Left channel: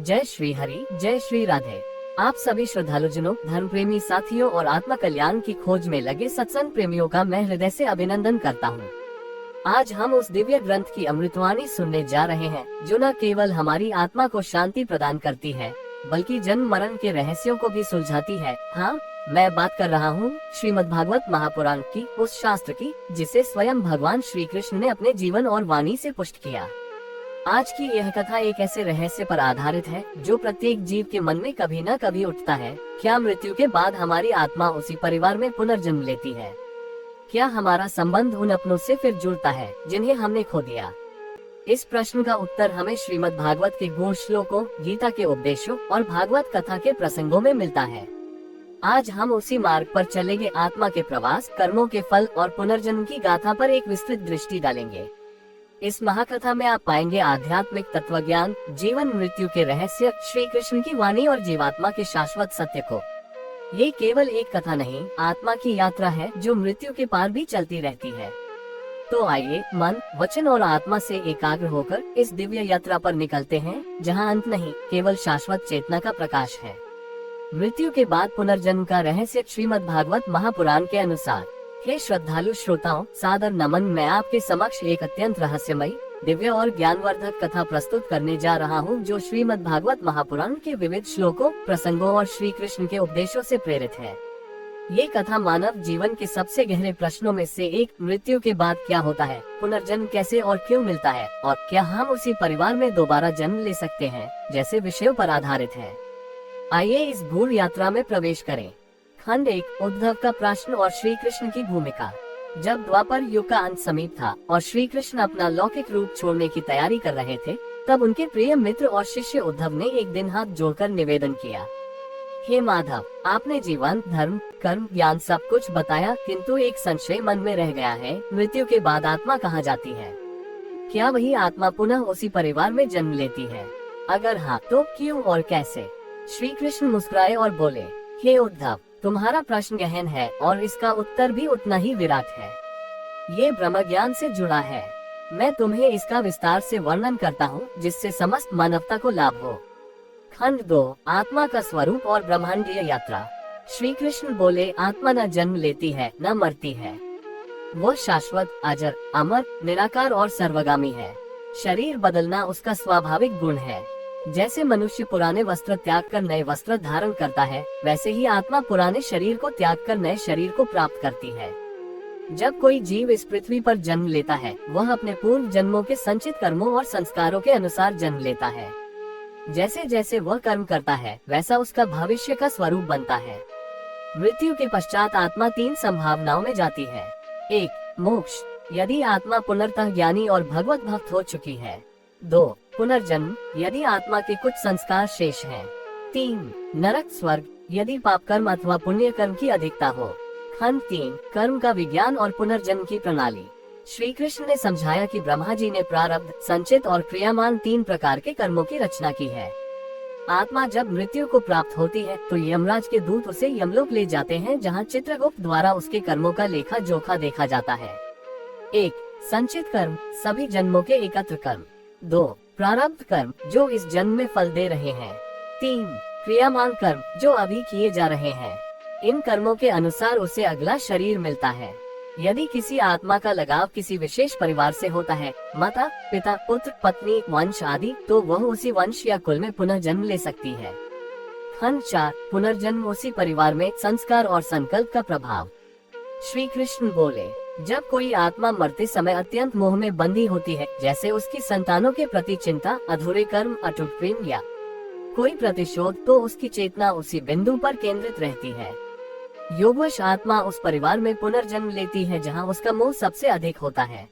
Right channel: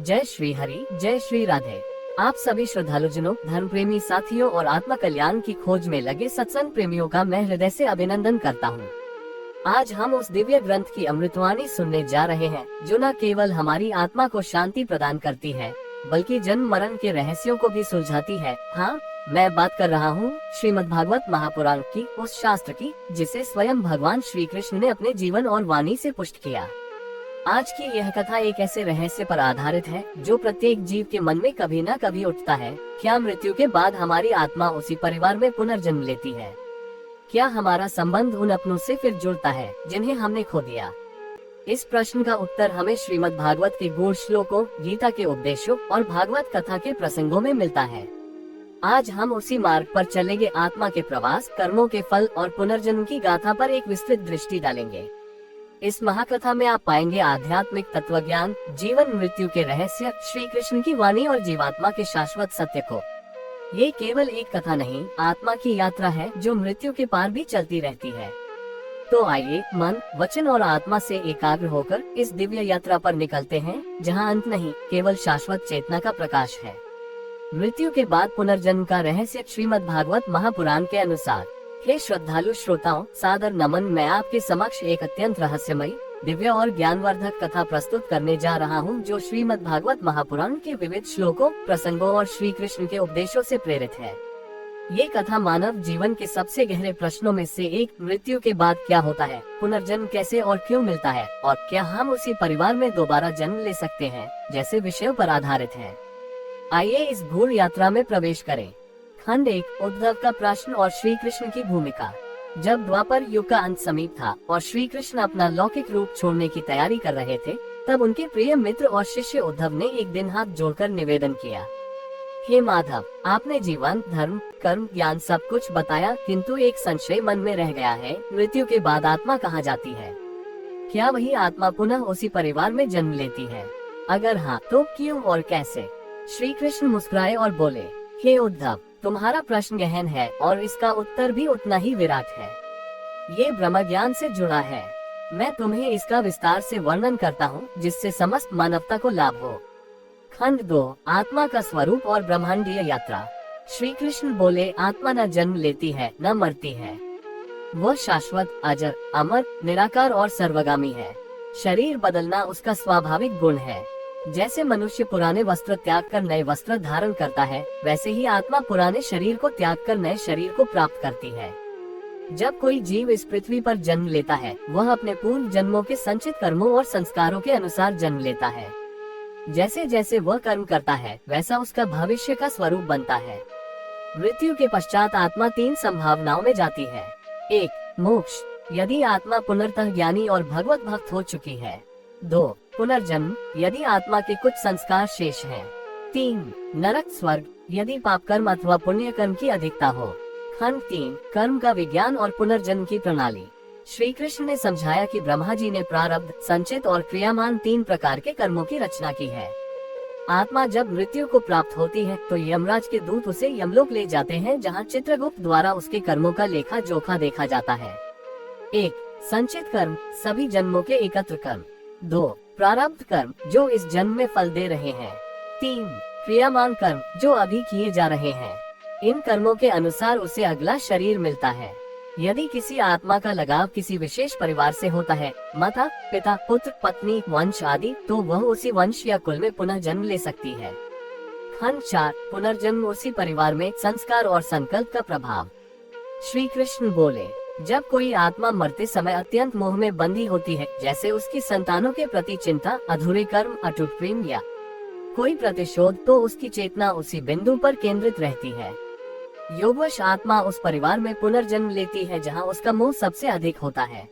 जय श्री हरि, जय श्री राधे। आप सभी श्रद्धालुजनों, धर्म प्रेमी साथियों और आत्मा कल्याण की खोज में लगे सत्संग प्रेमियों का मैं हृदय से अभिनंदन करता हूँ। आज हम उस दिव्य ग्रंथ की अमृतवाणी सुनने जा रहे हैं जो न केवल हमारी आत्मा को शांति प्रदान करती है बल्कि जन्म मरण के रहस्यों को भी सुलझाती है। हाँ, मैं बात कर रहा हूँ श्रीमद्भागवत महापुराण की, उस शास्त्र की जिसे स्वयं भगवान श्री कृष्ण ने अपने जीवन और वाणी से पुष्ट किया। आज की यह कथा एक ऐसे रहस्य पर आधारित है जो प्रत्येक जीव के मन में कभी न कभी उठता है। क्या मृत्यु के बाद हमारी आत्मा उसी परिवार में पुनर्जन्म लेती है? क्या हमारा संबंध उन अपनों से फिर जुड़ता है जिन्हें हमने खो दिया? इस प्रश्न का उत्तर हमें श्रीमद् भागवत के गूढ़ श्लोकों, गीता के उपदेशों और भागवत कथा के प्रसंगों में मिलता है। आज हम उसी मार्ग पर चलेंगे। आत्मा के प्रवास, कर्मों के फल और पुनर्जन्म की गाथा पर एक विस्तृत दृष्टि डालेंगे। इस महाकथा में आप पाएंगे आध्यात्मिक तत्वज्ञान, जीवन मृत्यु के रहस्य, श्री कृष्ण की वाणी और जीवात्मा के शाश्वत सत्य को। ये केवल एक कथा नहीं, आत्मा की यात्रा है जो मृत्यु के पार भी चलती रहती है। तो आइए मन, वचन और आत्मा से एकाग्र होकर इस दिव्य यात्रा पर निकलते हैं जहाँ अंत नहीं, केवल शाश्वत चेतना का प्रकाश है। मृत्यु के बाद पुनर्जन्म का रहस्य श्रीमद् भागवत महापुराण के अनुसार। हे श्रद्धालु श्रोताओं, सादर नमन। मैं आपके समक्ष एक अत्यंत रहस्यमयी, दिव्य और ज्ञानवर्धक कथा प्रस्तुत करने जा रहा हूँ जो श्रीमद् भागवत महापुराण के विविध श्लोकों, प्रसंगों और श्री कृष्ण के उपदेशों से प्रेरित है। ये कथा मानव जीवन के सबसे गहरे प्रश्नों में से एक, मृत्यु के बाद क्या होता है, पुनर्जन्म कैसे और क्यों मिलता है, और क्या हम उसी परिवार में दोबारा जन्म ले सकते हैं, जैसे विषयों पर आधारित है। आइए इस गूढ़ यात्रा में प्रवेश करें। खंड 1, उद्धव का प्रश्न और श्री कृष्ण की भूमिका। जब द्वापर युग का अंत समीप था और श्री कृष्ण अपना लौकिक रूप छोड़ने की तैयारी कर रहे थे, तब उनके प्रिय मित्र और शिष्य उद्धव ने एक दिन हाथ जोड़कर निवेदन किया, हे माधव, आपने जीवन, धर्म, कर्म, ज्ञान सब कुछ बताया, किंतु एक संशय मन में रह गया है। मृत्यु के बाद आत्मा कहाँ जाती है? क्या वही आत्मा पुनः उसी परिवार में जन्म लेती है? अगर हाँ, तो क्यों और कैसे? श्री कृष्ण मुस्कुराए और बोले, हे उद्धव, तुम्हारा प्रश्न गहन है और इसका उत्तर भी उतना ही विराट है। ये ब्रह्म ज्ञान से जुड़ा है। मैं तुम्हें इसका विस्तार से वर्णन करता हूँ जिससे समस्त मानवता को लाभ हो। खंड 2, आत्मा का स्वरूप और ब्रह्मांडीय यात्रा। श्री कृष्ण बोले, आत्मा न जन्म लेती है न मरती है। वो शाश्वत, अजर, अमर, निराकार और सर्वगामी है। शरीर बदलना उसका स्वाभाविक गुण है। जैसे मनुष्य पुराने वस्त्र त्याग कर नए वस्त्र धारण करता है, वैसे ही आत्मा पुराने शरीर को त्याग कर नए शरीर को प्राप्त करती है। जब कोई जीव इस पृथ्वी पर जन्म लेता है, वह अपने पूर्व जन्मों के संचित कर्मों और संस्कारों के अनुसार जन्म लेता है। जैसे जैसे वह कर्म करता है, वैसा उसका भविष्य का स्वरूप बनता है। मृत्यु के पश्चात आत्मा 3 संभावनाओं में जाती है। 1, मोक्ष, यदि आत्मा पुनर्तः ज्ञानी और भगवत भक्त हो चुकी है। 2, पुनर्जन्म, यदि आत्मा के कुछ संस्कार शेष हैं। 3, नरक स्वर्ग, यदि पाप कर्म अथवा पुण्य कर्म की अधिकता हो। खंड 3, कर्म का विज्ञान और पुनर्जन्म की प्रणाली। श्री कृष्ण ने समझाया कि ब्रह्मा जी ने प्रारब्ध, संचित और क्रियामान 3 प्रकार के कर्मों की रचना की है। आत्मा जब मृत्यु को प्राप्त होती है तो यमराज के दूत उसे यमलोक ले जाते हैं जहाँ चित्रगुप्त द्वारा उसके कर्मों का लेखा जोखा देखा जाता है। 1, संचित कर्म, सभी जन्मों के एकत्र कर्म। 2, प्रारब्ध कर्म, जो इस जन्म में फल दे रहे हैं। 3, क्रियामान कर्म, जो अभी किए जा रहे हैं। इन कर्मों के अनुसार उसे अगला शरीर मिलता है। यदि किसी आत्मा का लगाव किसी विशेष परिवार से होता है, माता, पिता, पुत्र, पत्नी, वंश आदि, तो वह उसी वंश या कुल में पुनः जन्म ले सकती है। खंड 4, पुनर्जन्म उसी परिवार में, संस्कार और संकल्प का प्रभाव। श्री कृष्ण बोले, जब कोई आत्मा मरते समय अत्यंत मोह में बंधी होती है, जैसे उसकी संतानों के प्रति चिंता, अधूरे कर्म, अटूट प्रेम या कोई प्रतिशोध, तो उसकी चेतना उसी बिंदु पर केंद्रित रहती है। योगवश आत्मा उस परिवार में पुनर्जन्म लेती है जहां उसका मोह सबसे अधिक होता है।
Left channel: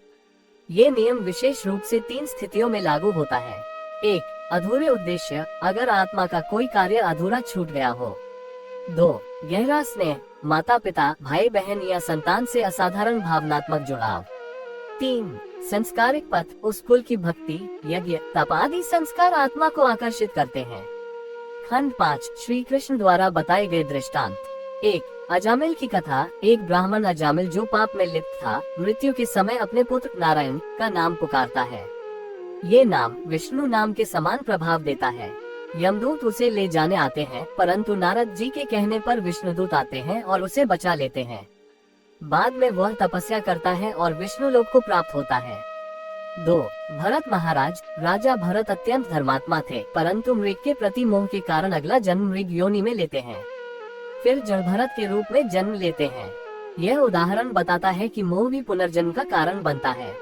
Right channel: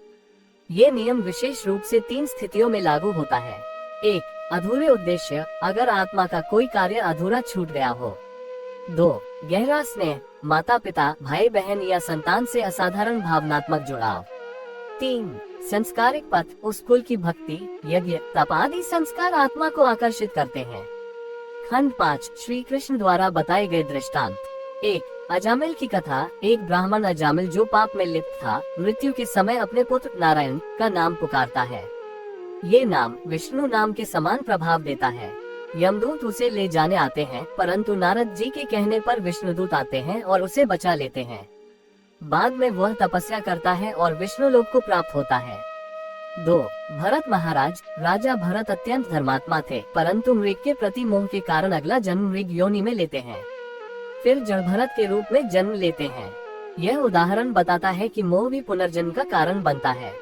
ये नियम विशेष रूप से 3 स्थितियों में लागू होता है। 1, अधूरे उद्देश्य, अगर आत्मा का कोई कार्य अधूरा छूट गया हो। 2, गहरा स्नेह, माता पिता, भाई बहन या संतान से असाधारण भावनात्मक जुड़ाव। 3, संस्कारिक पथ, उस कुल की भक्ति, यज्ञ, तप आदि संस्कार आत्मा को आकर्षित करते हैं। खंड 5, श्री कृष्ण द्वारा बताए गए दृष्टांत। 1, अजामिल की कथा। एक ब्राह्मण अजामिल जो पाप में लिप्त था, मृत्यु के समय अपने पुत्र नारायण का नाम पुकारता है। ये नाम विष्णु नाम के समान प्रभाव देता है। यमदूत उसे ले जाने आते हैं, परंतु नारद जी के कहने पर विष्णुदूत आते हैं और उसे बचा लेते हैं। बाद में वह तपस्या करता है और विष्णु लोक को प्राप्त होता है। 2. भरत महाराज। राजा भरत अत्यंत धर्मात्मा थे, परंतु मृग के प्रति मोह के कारण अगला जन्म मृग योनि में लेते हैं, फिर जड़ भरत के रूप में जन्म लेते हैं। यह उदाहरण बताता है कि मोह भी पुनर्जन्म का कारण बनता है।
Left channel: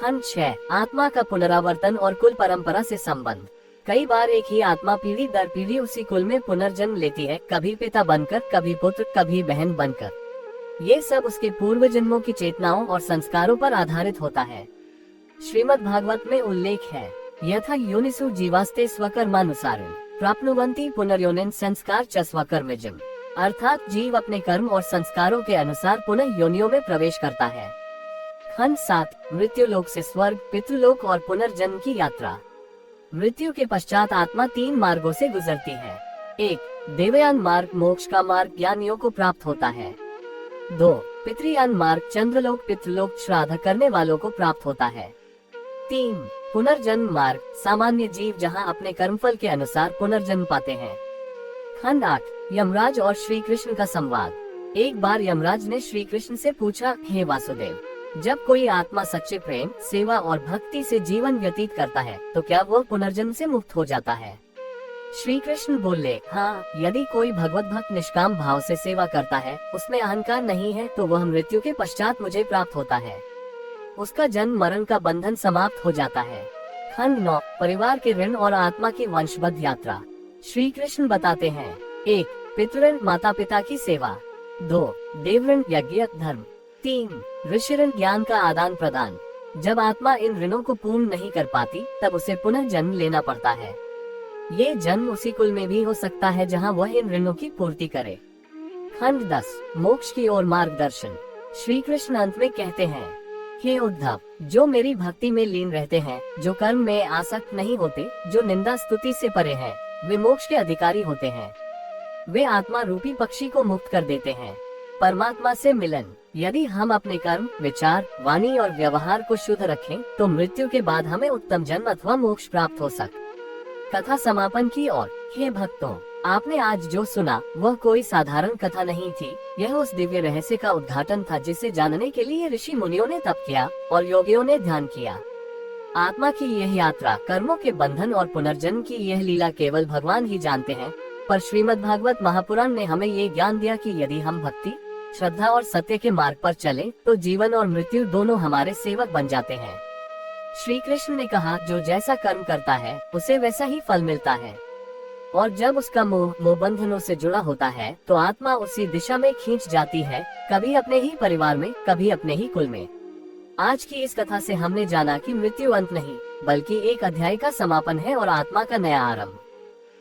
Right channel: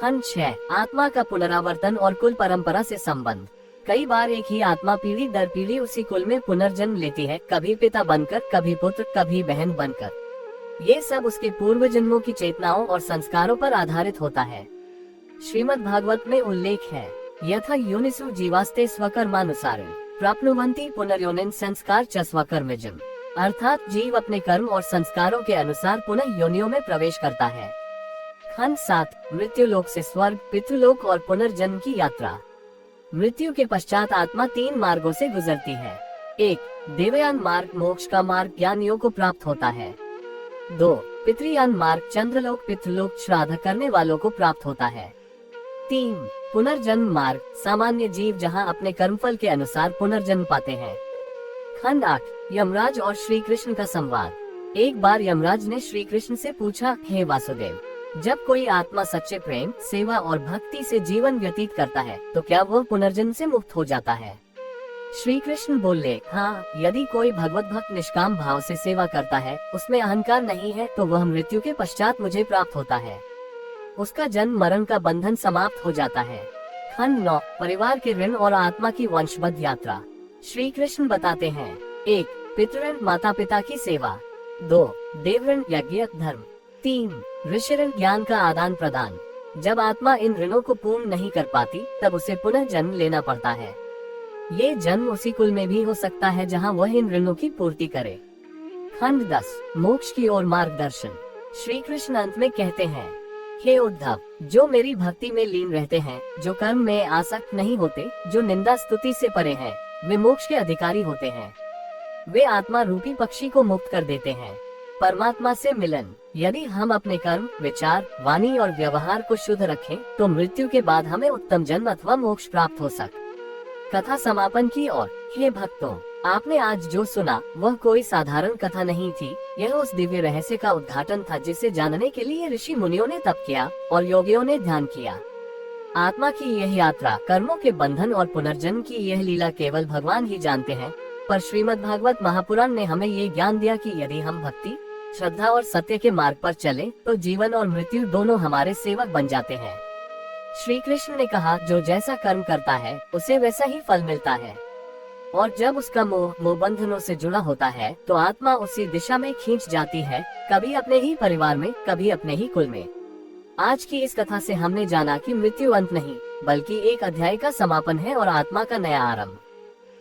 खंड 6। आत्मा का पुनरावर्तन और कुल परंपरा से संबंध। कई बार एक ही आत्मा पीढ़ी दर पीढ़ी उसी कुल में पुनर्जन्म लेती है, कभी पिता बनकर, कभी पुत्र, कभी बहन बनकर। ये सब उसके पूर्व जन्मों की चेतनाओं और संस्कारों पर आधारित होता है। श्रीमद् भागवत में उल्लेख है, यथा योनिषु जीवास्ते स्वकर्मानुसारेण प्राप्नुवन्ति पुनर्योनिन संस्कार च स्वकर्मजम्। अर्थात जीव अपने कर्म और संस्कारों के अनुसार पुनः योनियों में प्रवेश करता है। खंड 7। मृत्यु लोक से स्वर्ग, पितृलोक और पुनर्जन्म की यात्रा। मृत्यु के पश्चात आत्मा 3 मार्गों से गुजरती है। 1. देवयान मार्ग, मोक्ष का मार्ग, ज्ञानियों को प्राप्त होता है। 2. पितृयान मार्ग, चंद्रलोक, पितृलोक, श्राद्ध करने वालों को प्राप्त होता है। 3. पुनर्जन्म मार्ग, सामान्य जीव जहां अपने कर्मफल के अनुसार पुनर्जन्म पाते हैं। खंड 8। यमराज और श्री कृष्ण का संवाद। एक बार यमराज ने श्री कृष्ण से पूछा, हे वासुदेव, जब कोई आत्मा सच्चे प्रेम, सेवा और भक्ति से जीवन व्यतीत करता है तो क्या वह पुनर्जन्म से मुक्त हो जाता है? श्री कृष्ण बोले, हाँ, यदि कोई भगवत भक्त निष्काम भाव से सेवा करता है, उसमें अहंकार नहीं है, तो वह मृत्यु के पश्चात मुझे प्राप्त होता है। उसका जन्म मरण का बंधन समाप्त हो जाता है। खंड 9। परिवार के ऋण और आत्मा की वंशबद्ध यात्रा। श्री कृष्ण बताते हैं, 1. पितृऋण, माता पिता की सेवा। 2. देवऋण, यज्ञ धर्म। 3. ऋषि ऋण, ज्ञान का आदान प्रदान। जब आत्मा इन ऋणों को पूर्ण नहीं कर पाती, तब उसे पुनः जन्म लेना पड़ता है। ये जन्म उसी कुल में भी हो सकता है जहाँ वह इन ऋणों की पूर्ति करे। खंड 10। मोक्ष की ओर मार्गदर्शन। श्री कृष्ण अंत में कहते हैं, हे उद्धव, जो मेरी भक्ति में लीन रहते हैं, जो कर्म में आसक्त नहीं होते, जो निंदा स्तुति से परे हैं, वे मोक्ष के अधिकारी होते हैं। वे आत्मा रूपी पक्षी को मुक्त कर देते हैं। परमात्मा से मिलन। यदि हम अपने कर्म, विचार, वाणी और व्यवहार को शुद्ध रखें, तो मृत्यु के बाद हमें उत्तम जन्म अथवा मोक्ष प्राप्त हो सके। कथा समापन की ओर। हे भक्तों, आपने आज जो सुना वह कोई साधारण कथा नहीं थी। यह उस दिव्य रहस्य का उद्घाटन था जिसे जानने के लिए ऋषि मुनियों ने तप किया और योगियों ने ध्यान किया। आत्मा की यह यात्रा, कर्मों के बंधन और पुनर्जन्म की यह लीला केवल भगवान ही जानते हैं, पर श्रीमद् भागवत महापुराण ने हमें ये ज्ञान दिया कि यदि हम भक्ति, श्रद्धा और सत्य के मार्ग पर चलें, तो जीवन और मृत्यु दोनों हमारे सेवक बन जाते हैं। श्री कृष्ण ने कहा, जो जैसा कर्म करता है उसे वैसा ही फल मिलता है, और जब उसका मोह बंधनों से जुड़ा होता है तो आत्मा उसी दिशा में खींच जाती है, कभी अपने ही परिवार में, कभी अपने ही कुल में। आज की इस कथा से हमने जाना कि मृत्यु अंत नहीं, बल्कि एक अध्याय का समापन है और आत्मा का नया आरंभ।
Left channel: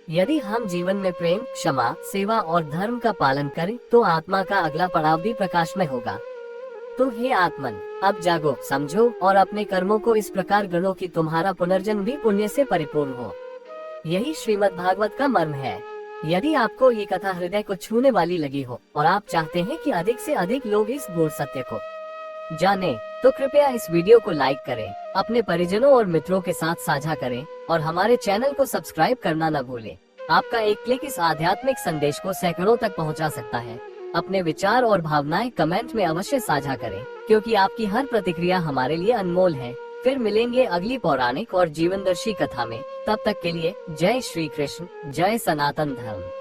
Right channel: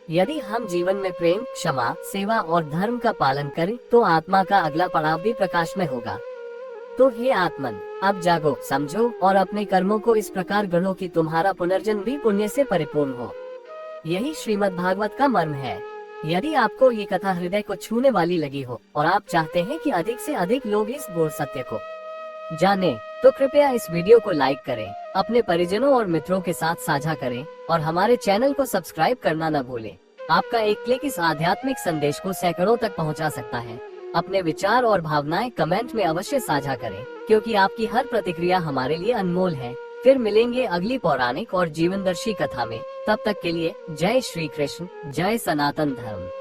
यदि हम जीवन में प्रेम, क्षमा, सेवा और धर्म का पालन करें, तो आत्मा का अगला पड़ाव भी प्रकाशमय होगा। तो हे आत्मन, अब जागो, समझो और अपने कर्मों को इस प्रकार गढ़ो कि तुम्हारा पुनर्जन्म भी पुण्य से परिपूर्ण हो। यही श्रीमद् भागवत का मर्म है। यदि आपको ये कथा हृदय को छूने वाली लगी हो और आप चाहते हैं कि अधिक से अधिक लोग इस गूढ़ सत्य को जाने, तो कृपया इस वीडियो को लाइक करें, अपने परिजनों और मित्रों के साथ साझा करें और हमारे चैनल को सब्सक्राइब करना न भूलें। आपका एक क्लिक इस आध्यात्मिक संदेश को सैकड़ों तक पहुंचा सकता है। अपने विचार और भावनाएं कमेंट में अवश्य साझा करें, क्योंकि आपकी हर प्रतिक्रिया हमारे लिए अनमोल है। फिर मिलेंगे अगली पौराणिक और जीवनदर्शी कथा में। तब तक के लिए जय श्री कृष्ण, जय सनातन धर्म।